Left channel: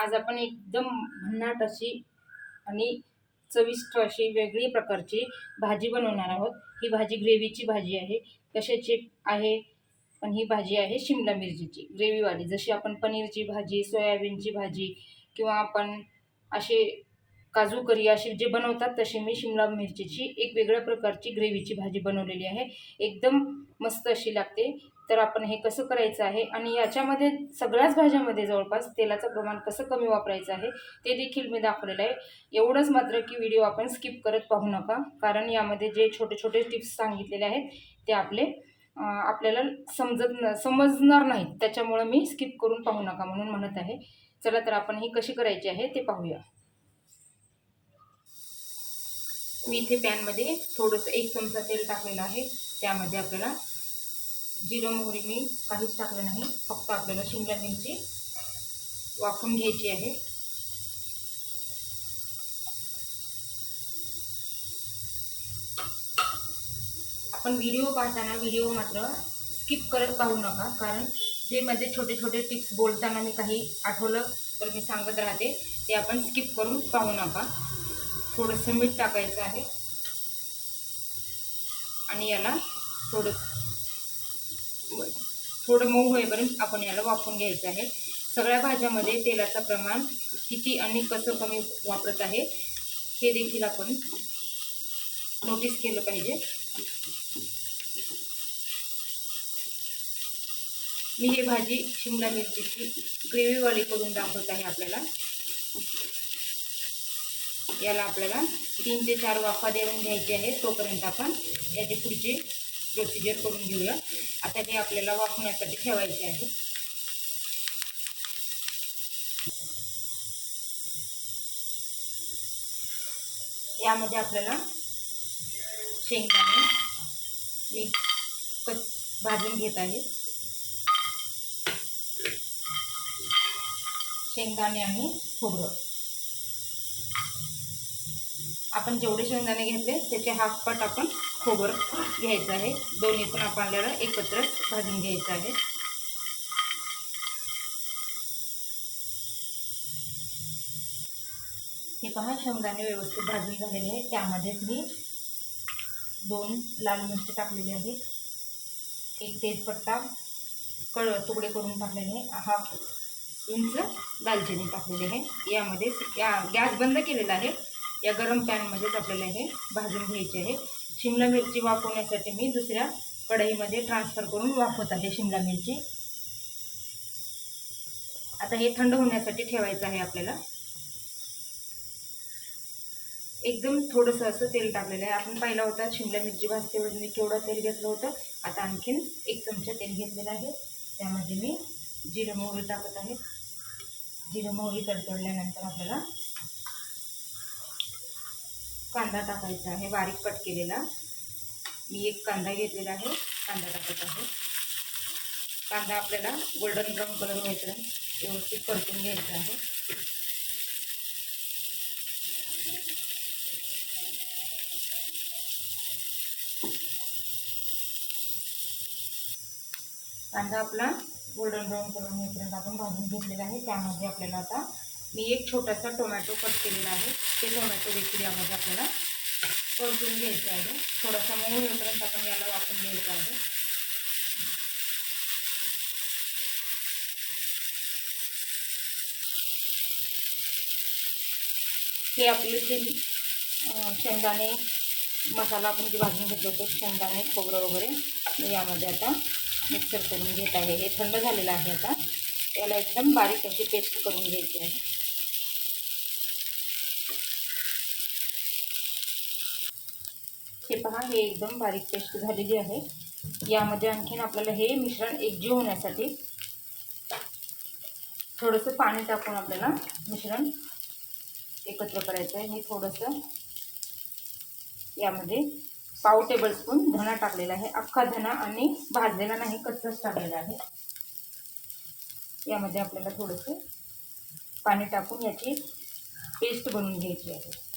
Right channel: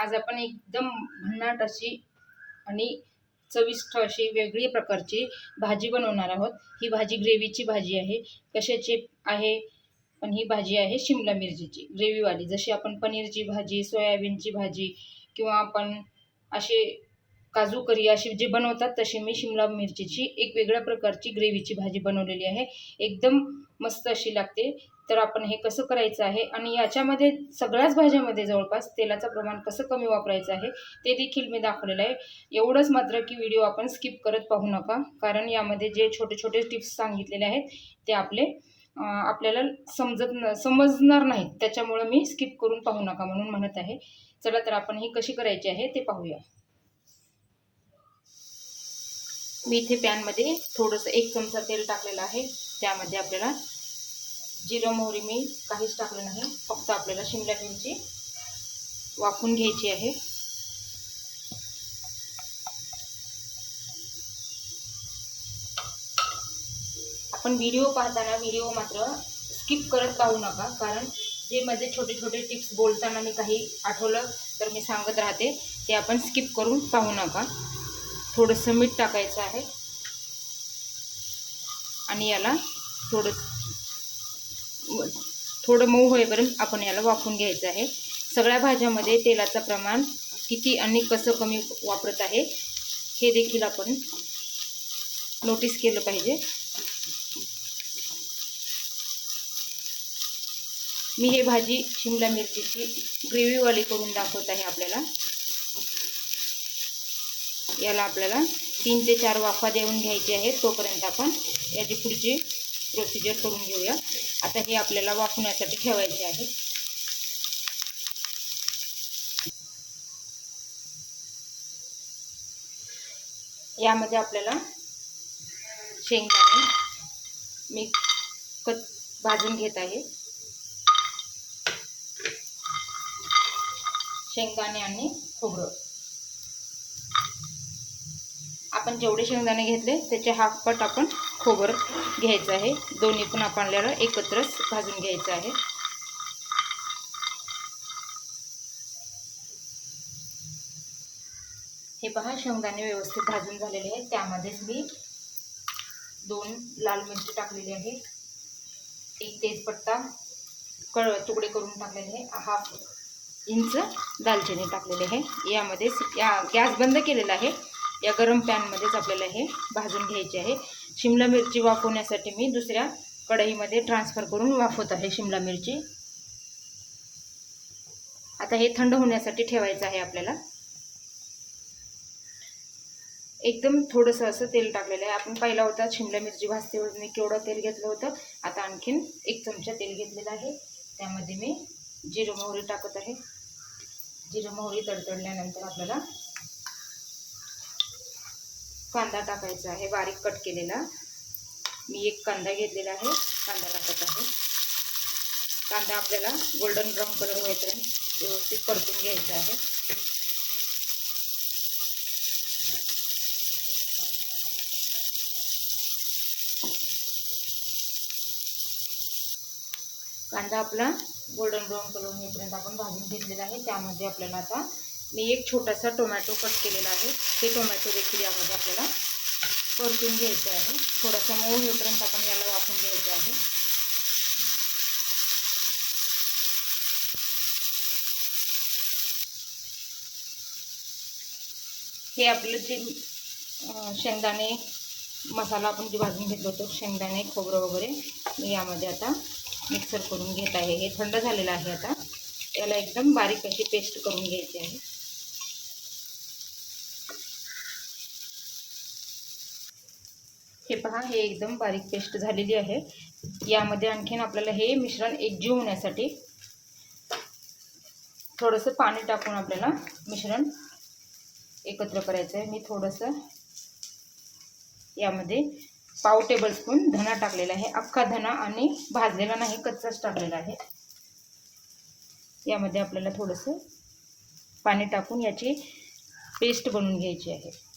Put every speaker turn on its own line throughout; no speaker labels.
आज आपण एकदम भन्नाट अशी आणि चविष्ट अशी वेगळी प्रकारची भाजी बनवणार आहोत. ही भाजी ग्रेव्हीची भाजी आहे कशाची आहे? पण ही भाजी आहे शिमला मिरचीची ग्रेव्हीवाली. जशी आपण पनीरची भाजी सोयाबीनची भाजी किंवा आपण असे काजू करी अशी जे बनवतात तशी मी शिमला मिरचीची एक वेगळ्या प्रकारची ग्रेव्हीची भाजी बनवलेली आहे. एकदम मस्त अशी लागते. तर आपण हे कसं करायचं आहे? आणि याच्यामध्ये सगळ्याच भाज्यामध्ये जवळपास तेलाचं प्रमाण कसं कमी वापरायचं आहे ते देखील मी दाखवलेलं आहे. एवढंच मात्र की व्हिडिओ आपण स्किप करत पाहू नका कारण यामध्ये जे छोटे छोटे टिप्स सांगितलेले आहेत ते आपले आपल्याला समजत न समजणार नाहीत. त्याच्यामुळं मी स्किप करून पाहू नका म्हणून म्हणत आहे. चला तर आपण ही कशी करायची आहे ते पाहूया. मी इथे पॅनमध्ये थोडंसं एक चमचा तेल टाकलेलं आहे. त्यामध्ये आपल्याला जिरं मोहरी मी काहीच टाकलं नाही. फक्त आपल्याला शिमला मिरची वाफून घ्यायची आहे. आपण व्हिडिओ पाहताना व्हिडिओ मात्र स्किप करत पाहू नका. कारण जे माझे छोटे छोटे टिप्स बोलताना मी काही आठवलं तर मी सांगत राहते. ते आपण स्किप करून पाहू नका. थोडंसं मीठ टाकायचं आहे. आणि याला थोडं थोडं मऊ होईपर्यंत आपण याला वाफून घ्यायचं आहे. सगळ्या भाज्यामध्ये तेलाचं प्रमाण किती आणि कसं कमी वापरत आहे हे देखील आपण नोटीस केलं पाहिजे. मी हे भाजी शिमला मिरचीची ग्रेव्हीवाली करून दाखवत आहे आपल्याला. याला आपल्याला तीन ते चार वाफा देऊन घ्यायची आहे तोपर्यंत आपण याची पुढची प्रोसिजर करून घेऊया. आता हे आपल्याला वाफवण्यासाठी ठेवायचे आहे. यामध्ये आपल्याला शेंगदाणे मी कच भाजून घेत आहे. शेंगदाणे आणि खोबरं. आपण जेवढे शेंगदाणे घेतले त्याचे हाफ पट आपण खोबरं घ्यायचं आहे. दोन्ही पण आपल्याला एकत्रच भाजून घ्यायचं आहे. हे पहा शेंगदाणे व्यवस्थित भाजून झालेले आहे त्यामध्येच मी दोन लाल मिरची टाकलेली आहे एक तेजपत्ता कळ तुकडे करून टाकलेले आहे. हाफ इंच दालचिनी टाकलेली आहे. यामध्ये या गॅस बंद केलेला आहे. या गरम पॅनमध्येच आपल्याला हे भाजून घ्यायचे आहे. शिमला मिरची वाफवण्यासाठी मी दुसऱ्या कढईमध्ये ट्रान्सफर करून वाफवत आहे शिमला मिरची. आता हे थंड होण्यासाठी ठेवायचं आहे आपल्याला. एकदम थोडंसं असं तेल टाकलेलं आहे. आपण पाहिला होता शिमला मिरची भाजते वेळेस मी केवढं तेल घेतलं होतं. आता आणखीन एक चमचा तेल घेतलेलं आहे. त्यामध्ये मी जिरं मोहरी टाकत आहे. जिरं मोहरी तडतडल्यानंतर आपल्याला कांदा टाकायचा आहे बारीक कट केलेला. मी एक कांदा घेतलेला आहे कांदा टाकत आहे. कांदा आपल्याला गोल्डन ब्राऊन कलर होईपर्यंत व्यवस्थित परतून घ्यायचा आहे. कांदा आपला गोल्डन ब्राऊन कलर होईपर्यंत आपण भाजून घेतलेला आहे त्यामध्ये आपल्याला आता मी एक छोटासा टोमॅटो कट केलेला आहे. ते टोमॅटो देखील यामध्ये आपल्याला परतून घ्यायचं आहे. थोडासा मऊ होईपर्यंत आपण याला वापरून घ्यायचं आहे. हे जे शेंगदाणे मसाला आपण जे भाजून घेतलं होतं, शेंगदाणे, खोबरं वगैरे, मी आता मिक्सर करून घेत आहे. हे थंड आहे आता. याला एकदम बारीक अशी पेस्ट करून घ्यायची आहे. हे पहा हे एकदम बारीक पेस्ट झालेली आहे. यामध्ये आणखीन आपल्याला हे मिश्रण एकजीव होण्यासाठी थोडंसं पाणी टाकून आपल्याला मिश्रण एकत्र करायचं आहे. मी थोडंसं यामध्ये पाव टेबलस्पून धना टाकलेला आहे. अख्खा धना आणि भाजलेला नाही कच्चाच टाकलेला आहे. यामध्ये आपल्याला थोडंसं पाणी टाकून याची पेस्ट बनवून घ्यायची आहे.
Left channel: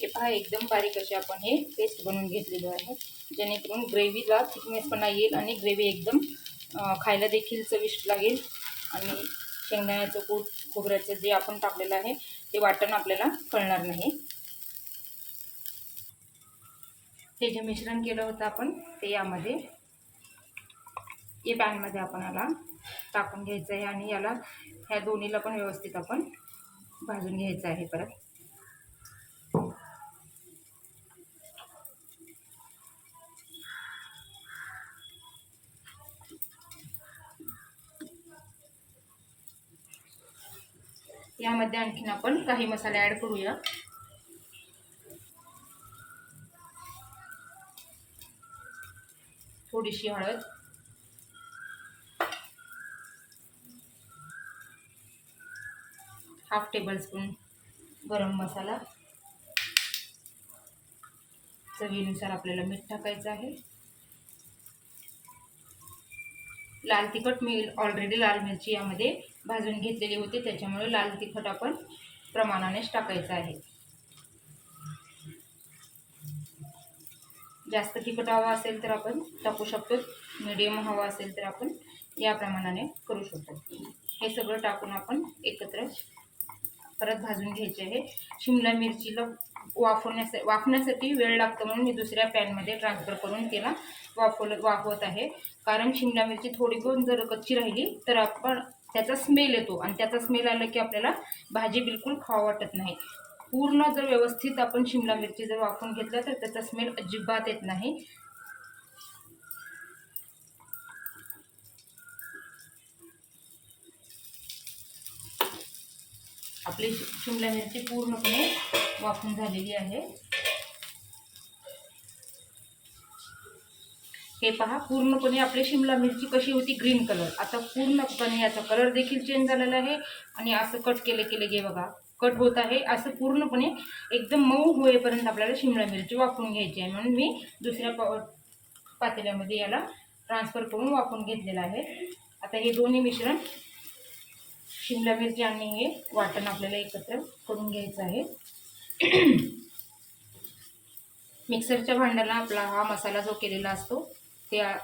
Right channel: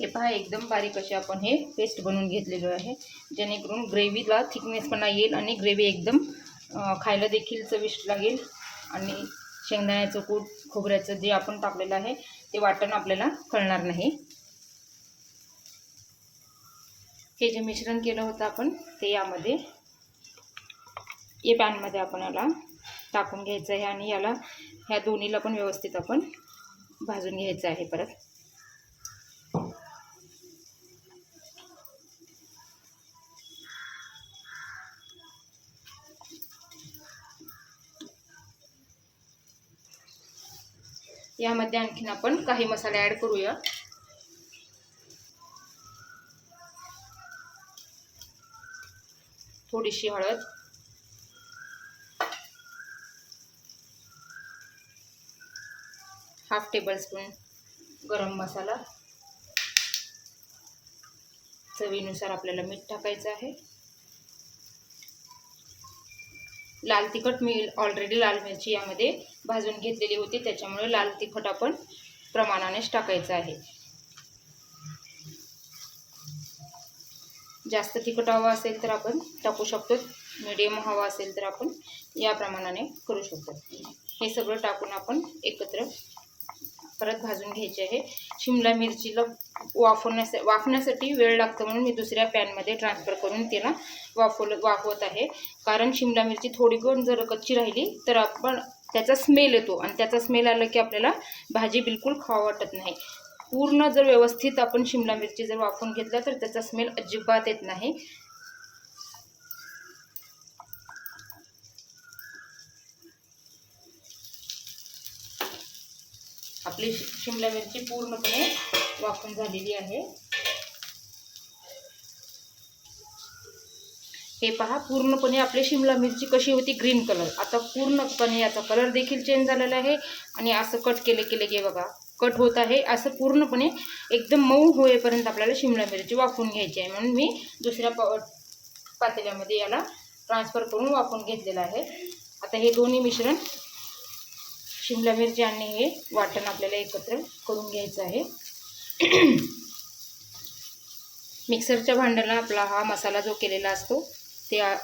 हे पहा एकदम बारीक असे आपण हे पेस्ट बनवून घेतलेलो आहे. जेणेकरून ग्रेव्हीला थिकनेसपणा येईल आणि ग्रेव्ही एकदम खायला देखील चविष्ट लागेल. आणि शेंगदाण्याचं कूट खोबऱ्याचं जे आपण टाकलेलं आहे ते वाटण आपल्याला कळणार नाही. हे जे मिश्रण केलं होतं आपण ते यामध्ये या पॅनमध्ये आपण याला टाकून घ्यायचं आहे आणि याला ह्या दोन्हीला पण व्यवस्थित आपण भाजून घ्यायचं आहे परत. यामध्ये आणखीन आपण काही मसाले ॲड करूया. थोडीशी हळद. हाफ टेबलस्पून गरम मसाला. चवीनुसार आपल्याला मीठ टाकायचं आहे. लाल तिखट मी ऑलरेडी लाल मिरची यामध्ये भाजून घेतलेली होती. त्याच्यामुळे लाल तिखट आपण प्रमाणानेच टाकायचं आहे. जास्त तिखट हवा असेल तर आपण टाकू शकतो. मिडियम हवा असेल तर आपण या प्रमाणाने करू शकतो. हे सगळं टाकून आपण एकत्र परत भाजून घ्यायची आहे. शिमला मिरचीला वाफवण्यासा वाफण्यासाठी वेळ लागतो म्हणून मी दुसऱ्या पॅनमध्ये ट्रान्सफर करून त्याला वाफवलं वाफवत आहे. कारण शिमला मिरची थोडी पण जर कच्ची राहिली तर आपण त्याचा स्मेल येतो आणि त्याचा स्मेल आला की आपल्याला भाजी बिलकुल खावा वाटत नाही. पूर्ण जर व्यवस्थित आपण शिमला मिरची जर वाफवून घेतला तर त्याचा स्मेल अजिबात येत नाही. आपली शिमला मिरची पूर्णपणे वाफून झालेली आहे. हे पहा पूर्णपणे आपली शिमला मिरची कशी होती ग्रीन कलर. आता पूर्णपणे याचा कलर देखील चेंज झालेला आहे आणि असं कट केले केले गे बघा कट होत आहे. असं पूर्णपणे एकदम मऊ होईपर्यंत आपल्याला शिमला मिरची वापरून घ्यायची आहे. म्हणून मी दुसऱ्या पा पातेल्यामध्ये याला ट्रान्सफर करून वापरून घेतलेलं आहे. आता हे दोन्ही मिश्रण शिमला मिरची आणि हे वाटण आपल्याला एकत्र करून घ्यायचं आहे. मिक्सरच्या भांड्याला आपला हा मसाला जो केलेला असतो त्या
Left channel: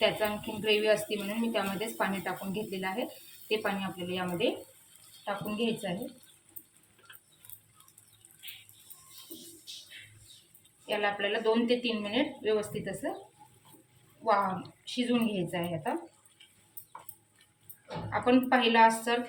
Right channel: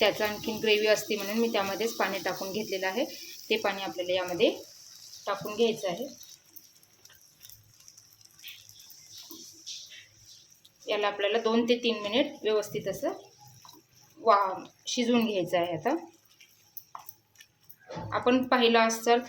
त्याचं आणखीन ग्रेव्ही असते म्हणून मी त्यामध्येच पाणी टाकून घेतलेलं आहे. ते पाणी आपल्याला यामध्ये टाकून घ्यायचं आहे. याला आपल्याला दोन ते तीन मिनिट व्यवस्थित असं वा शिजवून घ्यायचं आहे आता. आपण पाहिलं असतं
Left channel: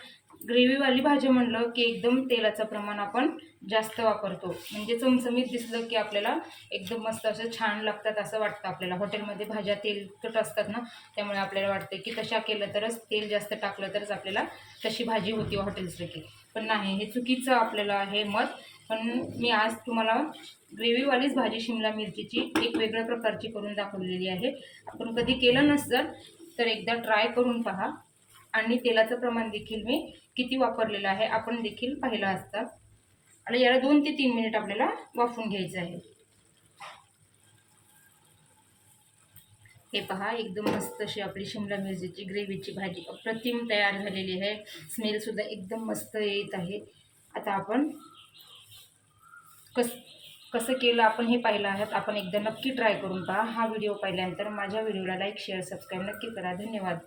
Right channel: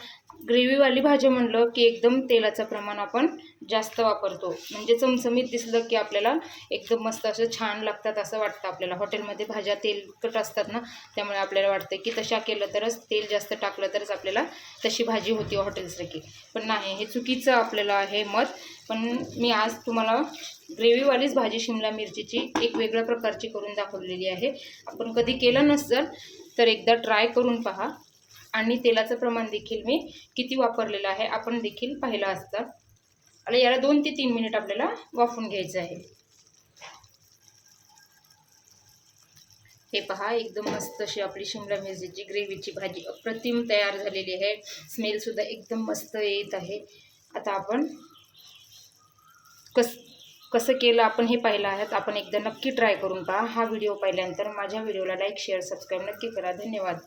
ग्रेव्हीवाली भाजी म्हणलं की एकदम तेलाचं प्रमाण आपण जास्त वापरतो. म्हणजे चमचमीत दिसलं की आपल्याला एकदम मस्त असं छान लागतात असं वाटतं आपल्याला. हॉटेलमध्ये भाज्या तेलकट असतात ना त्यामुळे आपल्याला वाटतं की तशा केलं तरच तेल जास्त टाकलं तरच आपल्याला तशी भाजी होती हॉटेलसारखी पण नाही हे चुकीचं आपल्याला आहे मत. पण मी आज तुम्हाला ग्रेव्हीवालीच भाजी शिमला मिरचीची एक वेगळ्या प्रकारची करून दाखवलेली आहे. आपण कधी केलं नसतं तर एकदा ट्राय करून पहा. आणि तेलाचं प्रमाण देखील मी किती वापरलेलं आहे आपण देखील पाहिलं असतं. आणि याला दोन ते तीन मिनिट आपल्याला वाफवून घ्यायचं आहे. हे पहा एकदम मस्त अशी आपली शिमला मिरचीची ग्रेव्हीची भाजी अप्रतिम तयार झालेली आहे. स्मेलसुद्धा एकदम मस्त येत आहे. आता आपण कस कसं केलं आपण हे पाहिलं आहे आपण एकदा नक्की ट्राय करून पहा. हा व्हिडिओ पाहिल्यानंतर माझ्या व्हिडिओला लाईक शेअर सबस्क्राईब नक्की करा. धन्यवाद.